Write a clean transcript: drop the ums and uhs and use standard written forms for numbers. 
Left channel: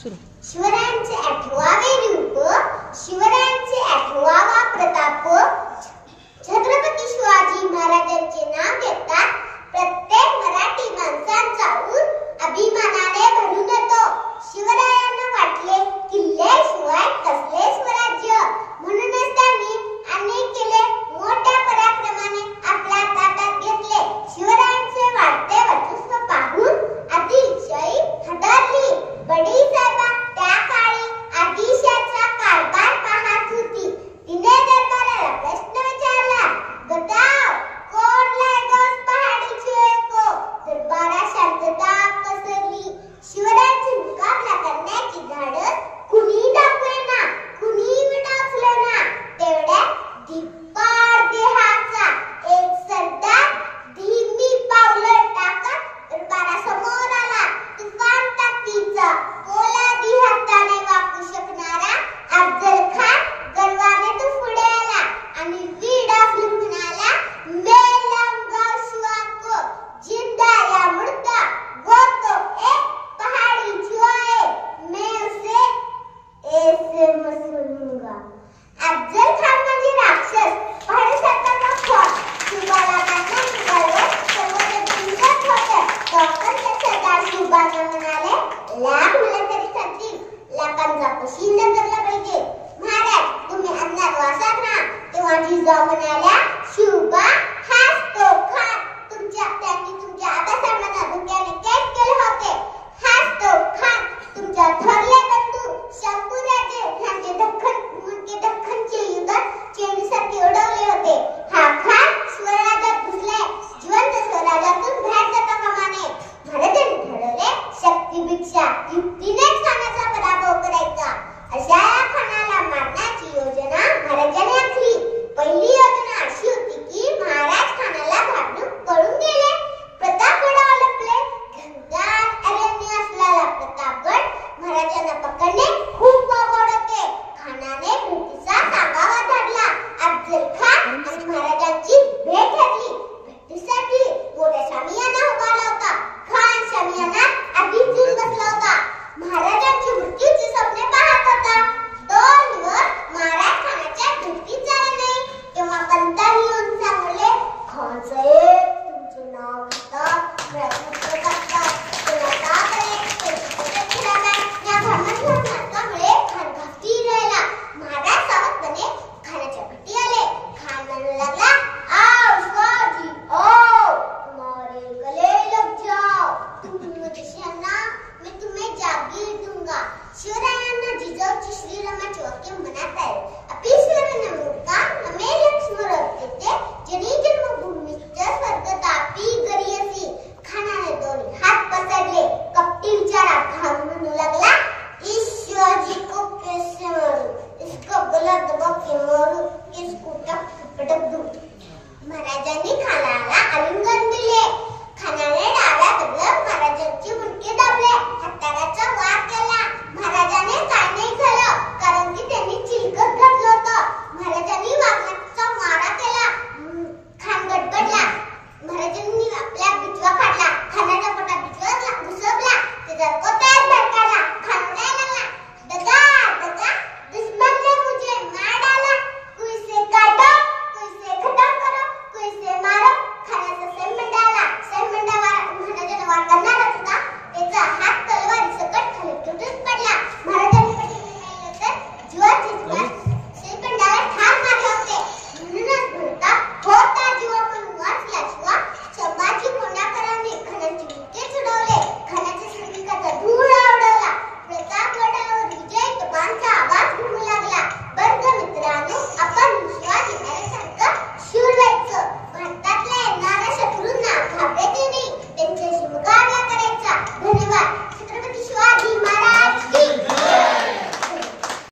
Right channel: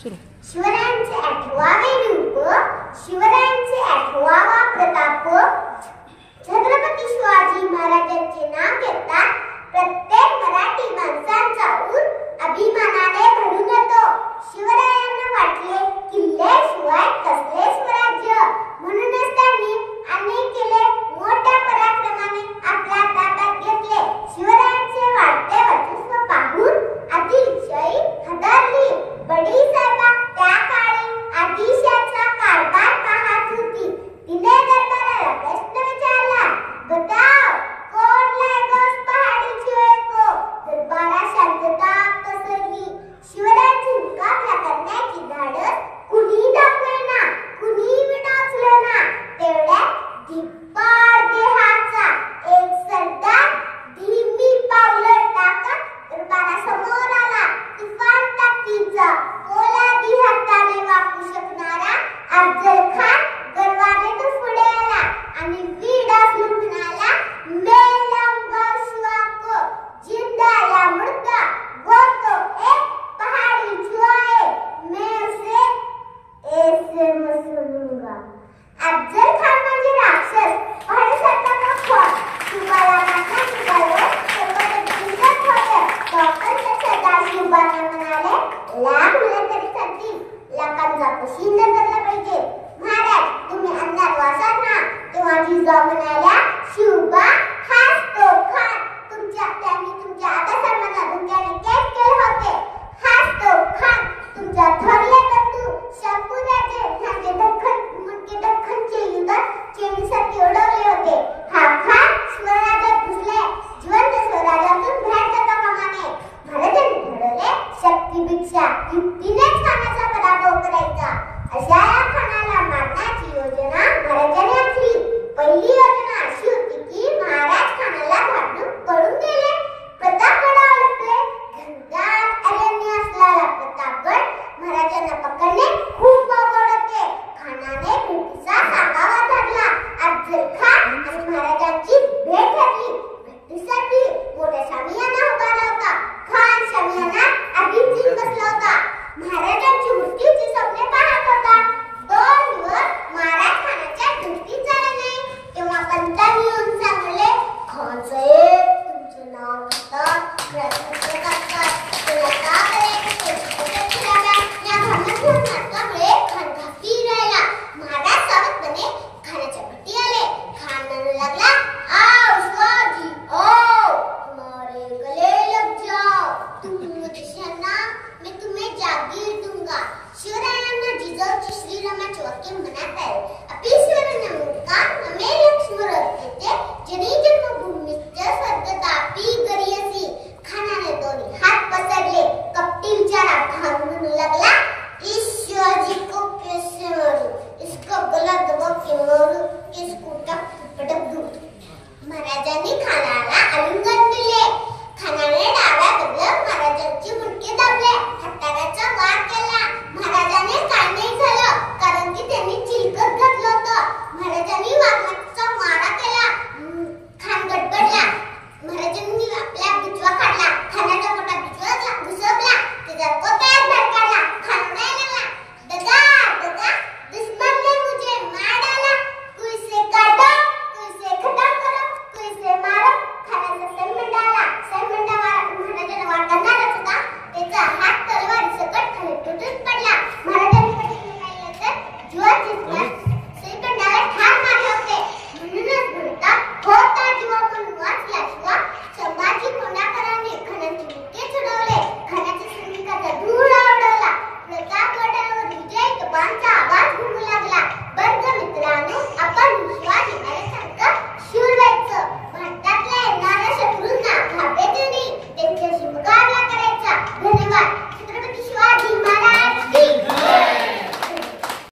सुरू. शिवरायांचे 8वे रूप, शिवरायांचे 8वा प्रताप. छत्रपती शिवाजी महाराजांचे नाव घेतात प्रत्येक मराठी माणसांचा ऊर अभिमानाने भरून येतो. शिवरायांना वाटले किल्ल्याशिवाय कसले स्वराज्य, म्हणूनच त्यांनी अनेक किल्ले मोठ्या पराक्रमाने आपल्या ताब्यात घेतले. शिवरायांचे वाढते वर्चस्व पाहून आदिलशाही हादरली. बडी साहेबा त्या काळी आदिलशाचा कारभार पाहत होती. तिने दरबाराला प्रश्न विचारला, बताव कौन लाएगा उस पहाड़ी चूहे को? दरबारात शांतता पसरली. शिवरायांची मुकाबला करण्याची धाडस कुणी दाखवेना, कुणी विडाचलेना. तेवढ्यात धिप्पाड देहाचा एक सरदार धीमी पावलं टाकत दरबारासमोर आला. तुफान ताकदीचा पोलादी हाताने वाकू शकणारा अफजल खान गर्वाने तो पुढे आला आणि विडाचून म्हणाला, मैं लाऊंगा शिवा को जिंदा या मुर्दा, वो तो एक पहाड़ी चूहा है, मैं उसे ऐसे मसलूंगा. अफजल खान म्हणजे राक्षस, पहाडी सरकारचा खोट. शिवाला नाचना निघाले सर्व जिंकत होते. तोपर्यंत सरदार शिवबाला म्हणाले, लाख मुलं तरी चालतील, लाखांचा कशी नजरला पाहिजे. महाराज तुम्ही अंधार वासात ना. तेव्हा जिजाऊ म्हणाल्या, शिवबा हाच तो खान त्यांनी तुमच्या आबासाहेबांना धोक्याने कैद केले होते. हाच तो खान तुमच्या थोरले बंधू शंभूराजे यांचे दख्खनचे युद्ध चेंडूसारखे उडवले होते. हा खान स्वराज्यात घुसले, जिवंत स्वराज्यातून बाहेर जाता कामा नये. महाराजांनी ठरवले शक्तीपेक्षा युक्तीनेच खानाचा पराभव करायचा. अशा या खानाला मारण्याची योजना महाराजांनी आखली. पहिली योजना अशी होती की महाराज खानाला घाबरून पळून गेले. प्रतापगडावर लपले. घनदाट अरण्य असलेला प्रतापगड महाराजांना पकडणे खूप अवघड होते. खानाने भेटीचा सांगावा धाडला. अफजल खान आणि महाराजांची भेट ठरली. भेटीसाठी मोठा शामियाना उभारला होता. खान शामियानात आधीच येऊन बसला होता. महाराजांची मृत्यूची स्वप्ने पाहत होता. 2 दिवस महाराज खानाच्या भेटीत झाले नाही. तेव्हा पंतांनी येऊन सांगले, खान साहेब तुमचे नाव घेतात, प्रयत्न करतात, त्यामुळे खान घाबरी राहिला. महाराज सावधपणे खानाच्या भेटी आले. खान म्हणू लागला, आओ शिवाजी आओ, हमारे गले लग जाओ, तुम मुझसे मैं तुम्हें जागीर दूंगा. शिवरायांना जिजाऊची श्रीरामाचे वाक्य मनात आले. अपीश्वर नमुका नमे लक्ष्मण येते जनी जन्मभूमीच्या स्वर्गतापी गरियसी. खानाने दोन्ही हात पसरले. कपटी विचारात खान म्हणू लागला, इस शिवाजी को कैसे मारूं, इसका गला दबा के मारूं, इसको पटक दूं. महाराजांनी खानाला आलिंगन दिले. खानाने डाव्या कबलात महाराजांची मुंडके दाबले. हत्याराचा वार केला. महाराजांनी काय नाही झालं, कारण की त्यांनी चिलकत घातलं होतं. महाराजांनी वाघनाचा मारा केला. खान गडबडला. महाराजांनी आपल्या बिचवा काढला. खानाच्या पोटात बिचवा घुसवला. ते जर